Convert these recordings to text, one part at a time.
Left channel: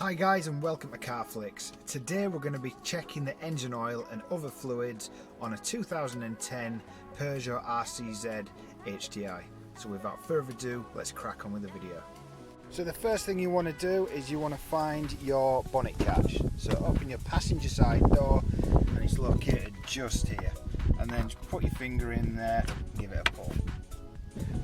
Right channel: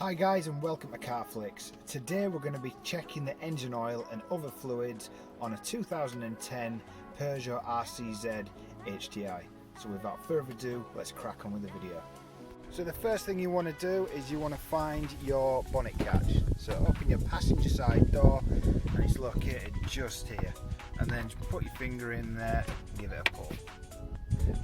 Hi guys and welcome to Carflix. Today we're going to be checking the engine oil and other fluids on a 2010 Peugeot RCZ HDI. So without further ado, let's crack on with the video. So the first thing you want to do is you want to find your bonnet catch. So open your passenger side door and it's located just here. And then just put your finger in there and give it a pull.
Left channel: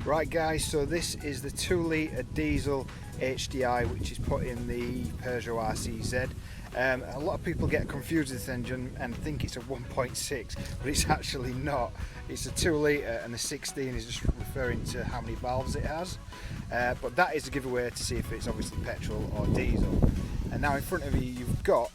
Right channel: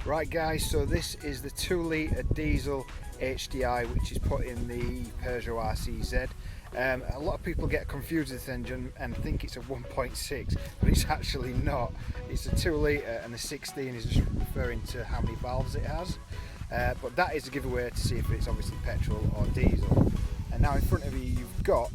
Right guys, so this is the 2 litre diesel HDI which is put in the Peugeot RCZ. A lot of people get confused with this engine and think it's a 1.6, but it's actually not. It's a 2 litre and the 16 is just referring to how many valves it has. But that is a giveaway to see if it's obviously petrol or diesel. And now in front of you you've got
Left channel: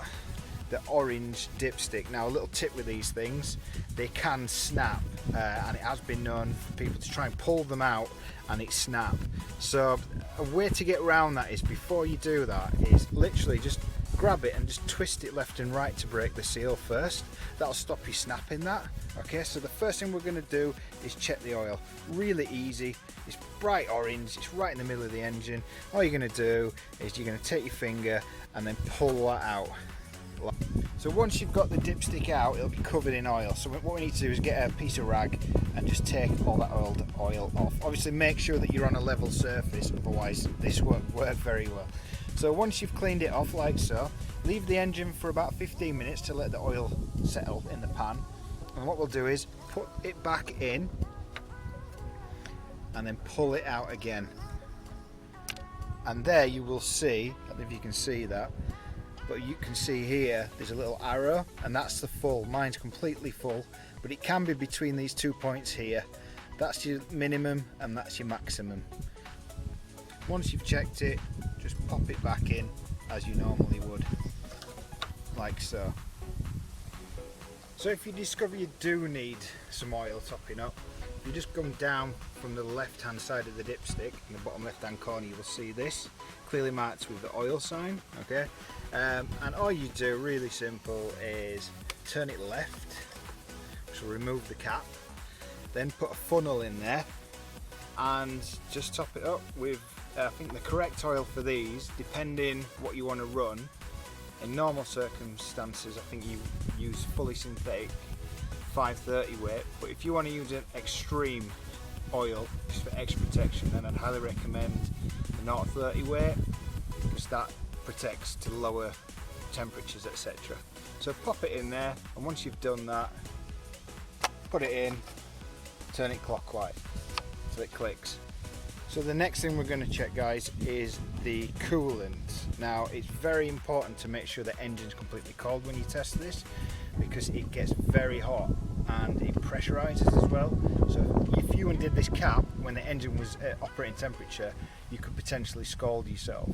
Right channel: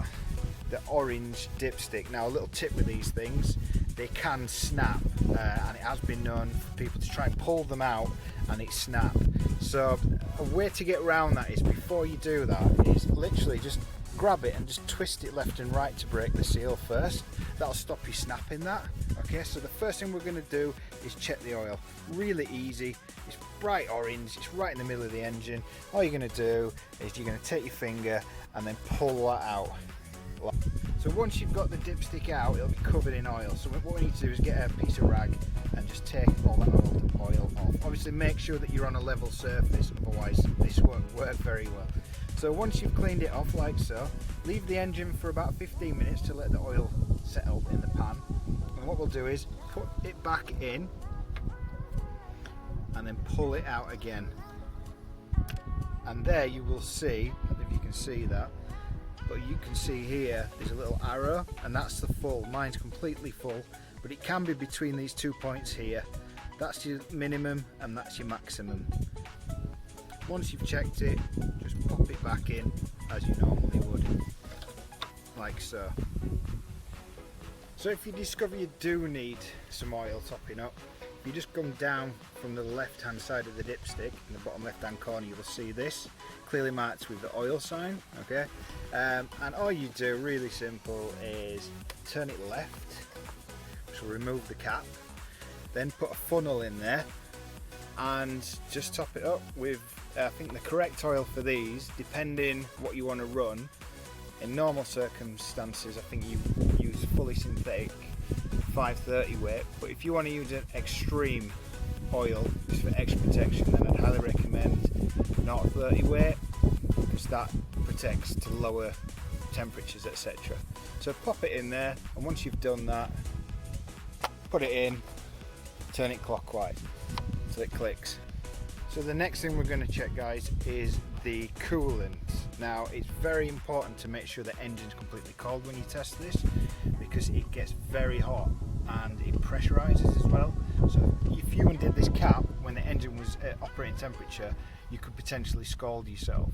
the orange dipstick. Now a little tip with these things, they can snap and it has been known for people to try and pull them out and it snap. So a way to get around that is, before you do that, is literally just grab it and just twist it left and right to break the seal first. That'll stop you snapping that. Okay, so the first thing we're going to do is check the oil. Really easy. It's bright orange, it's right in the middle of the engine. All you're going to do is you're going to take your finger and then pull that out. So once you've got the dipstick out, it'll be covered in oil. So what we need to do is get a piece of rag and just take all that oil off. Obviously make sure that you're on a level surface, otherwise this won't work very well. So once you've cleaned it off like so, leave the engine for about 15 minutes to let the oil settle in the pan. And what we'll do is put it back in and then pull it out again. And there you will see, I don't know if you can see that, but you can see here there's a little arrow and that's the full. Mine's completely full, but it can be between these 2 points here. That's your minimum and that's your maximum. Once you've checked it, just pop it back in as you normally would, like so. So if you discover you do need some oil topping up, you just come down from the left hand side of the dipstick. In the bottom left hand corner you will see this clearly marked with the oil sign. Okay, and all you do, really simple, is turn it left, which will remove the cap, then put a funnel in there and just top it up with I think the correct oil for these, depending what you want to run. In normal circumstances I think you use fully synthetic 530 weight, but if you want to use an extreme oil just for extra protection, then I'd highly recommend 0.30 weight, because that protects to lower temperatures, etc. So pop it in there, and once you've done that, put it in, turn it clockwise so it clicks. So the next thing we're going to check, guys, is the coolant. Now it's very important to make sure the engine's completely cold when you test this, because it gets very hot and it pressurizes as well. So if you undid this cap when the engine was at operating temperature, you could potentially scald yourself.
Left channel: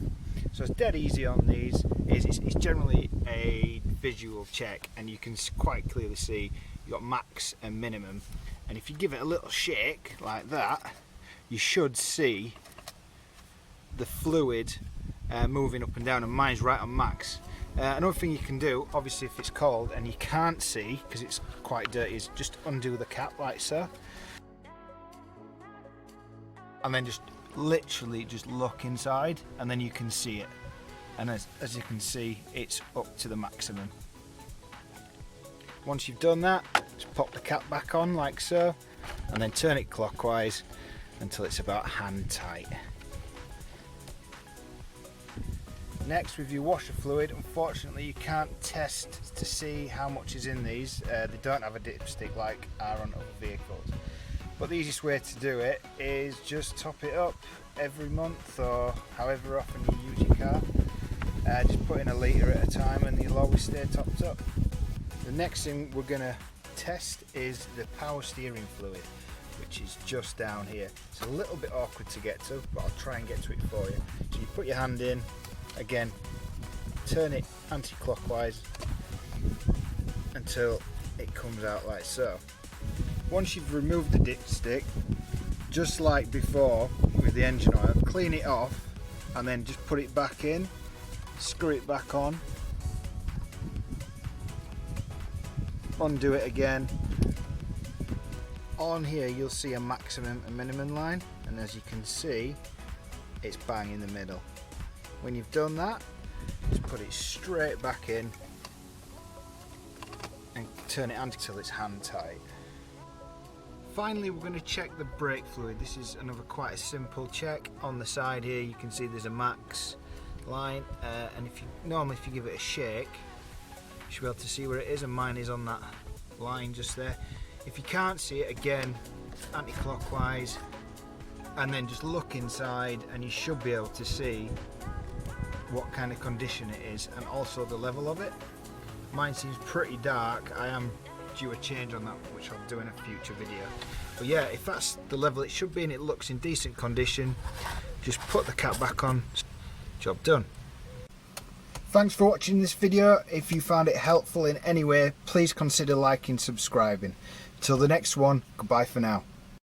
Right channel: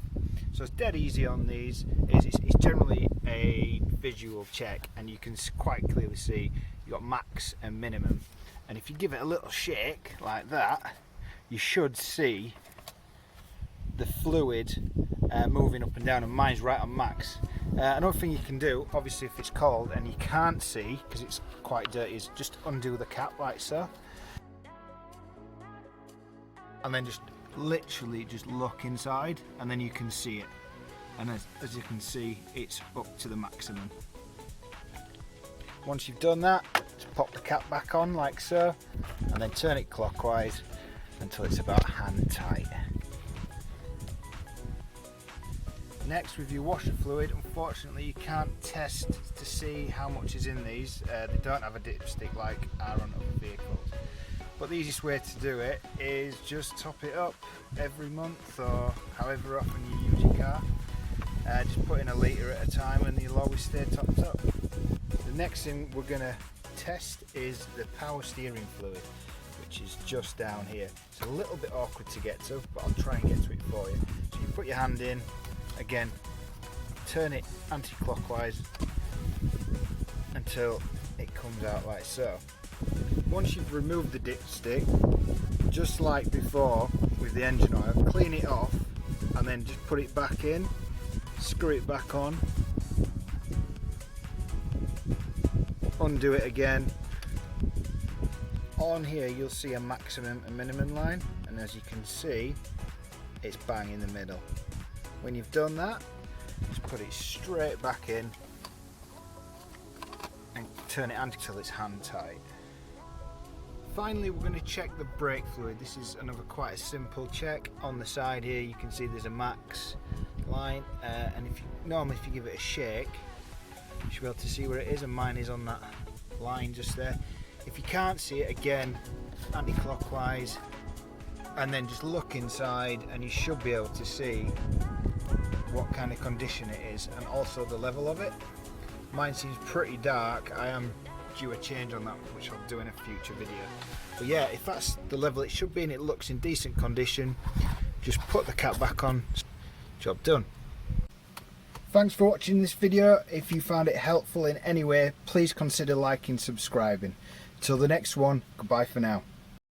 So it's dead easy on these. It's generally a visual check and you can quite clearly see you've got max and minimum, and if you give it a little shake like that, you should see the fluid moving up and down, and mine's right on max. Another thing you can do, obviously if it's cold and you can't see because it's quite dirty, is just undo the cap like so, and then just literally just look inside and then you can see it, and as you can see, it's up to the maximum. Once you've done that, just pop the cap back on like so and then turn it clockwise until it's about hand tight. Next, with your washer fluid, unfortunately you can't test to see how much is in these. They don't have a dipstick like are on other vehicles. But the easiest way to do it is just top it up every month or however often you use your car. Just put in a litre at a time and you'll always stay topped up. The next thing we're going to test is the power steering fluid, which is just down here. It's a little bit awkward to get to, but I'll try and get to it for you. So you put your hand in, again, turn it anti-clockwise until it comes out like so. Once you've removed the dipstick, just like before with the engine oil, clean it off and then just put it back in, screw it back on, undo it again. On here you'll see a maximum and minimum line, and as you can see, it's bang in the middle. When you've done that, Just put it straight back in and turn it until it's hand tight. Finally, we're going to check the brake fluid. This is another quite a simple check. On the side here you can see there's a max line, and if you give it a shake, you should be able to see where it is, and mine is on that line just there. If you can't see it, again, anti-clockwise, and then just look inside and you should be able to see what kind of condition it is and also the level of it. Mine seems pretty dark. I am due a change on that, which I'll do in a future video. But yeah, if that's the level it should be and it looks in decent condition, just put the cap back on, job done. Thanks for watching this video. If you found it helpful in any way, please consider liking and subscribing. Till the next one, goodbye for now.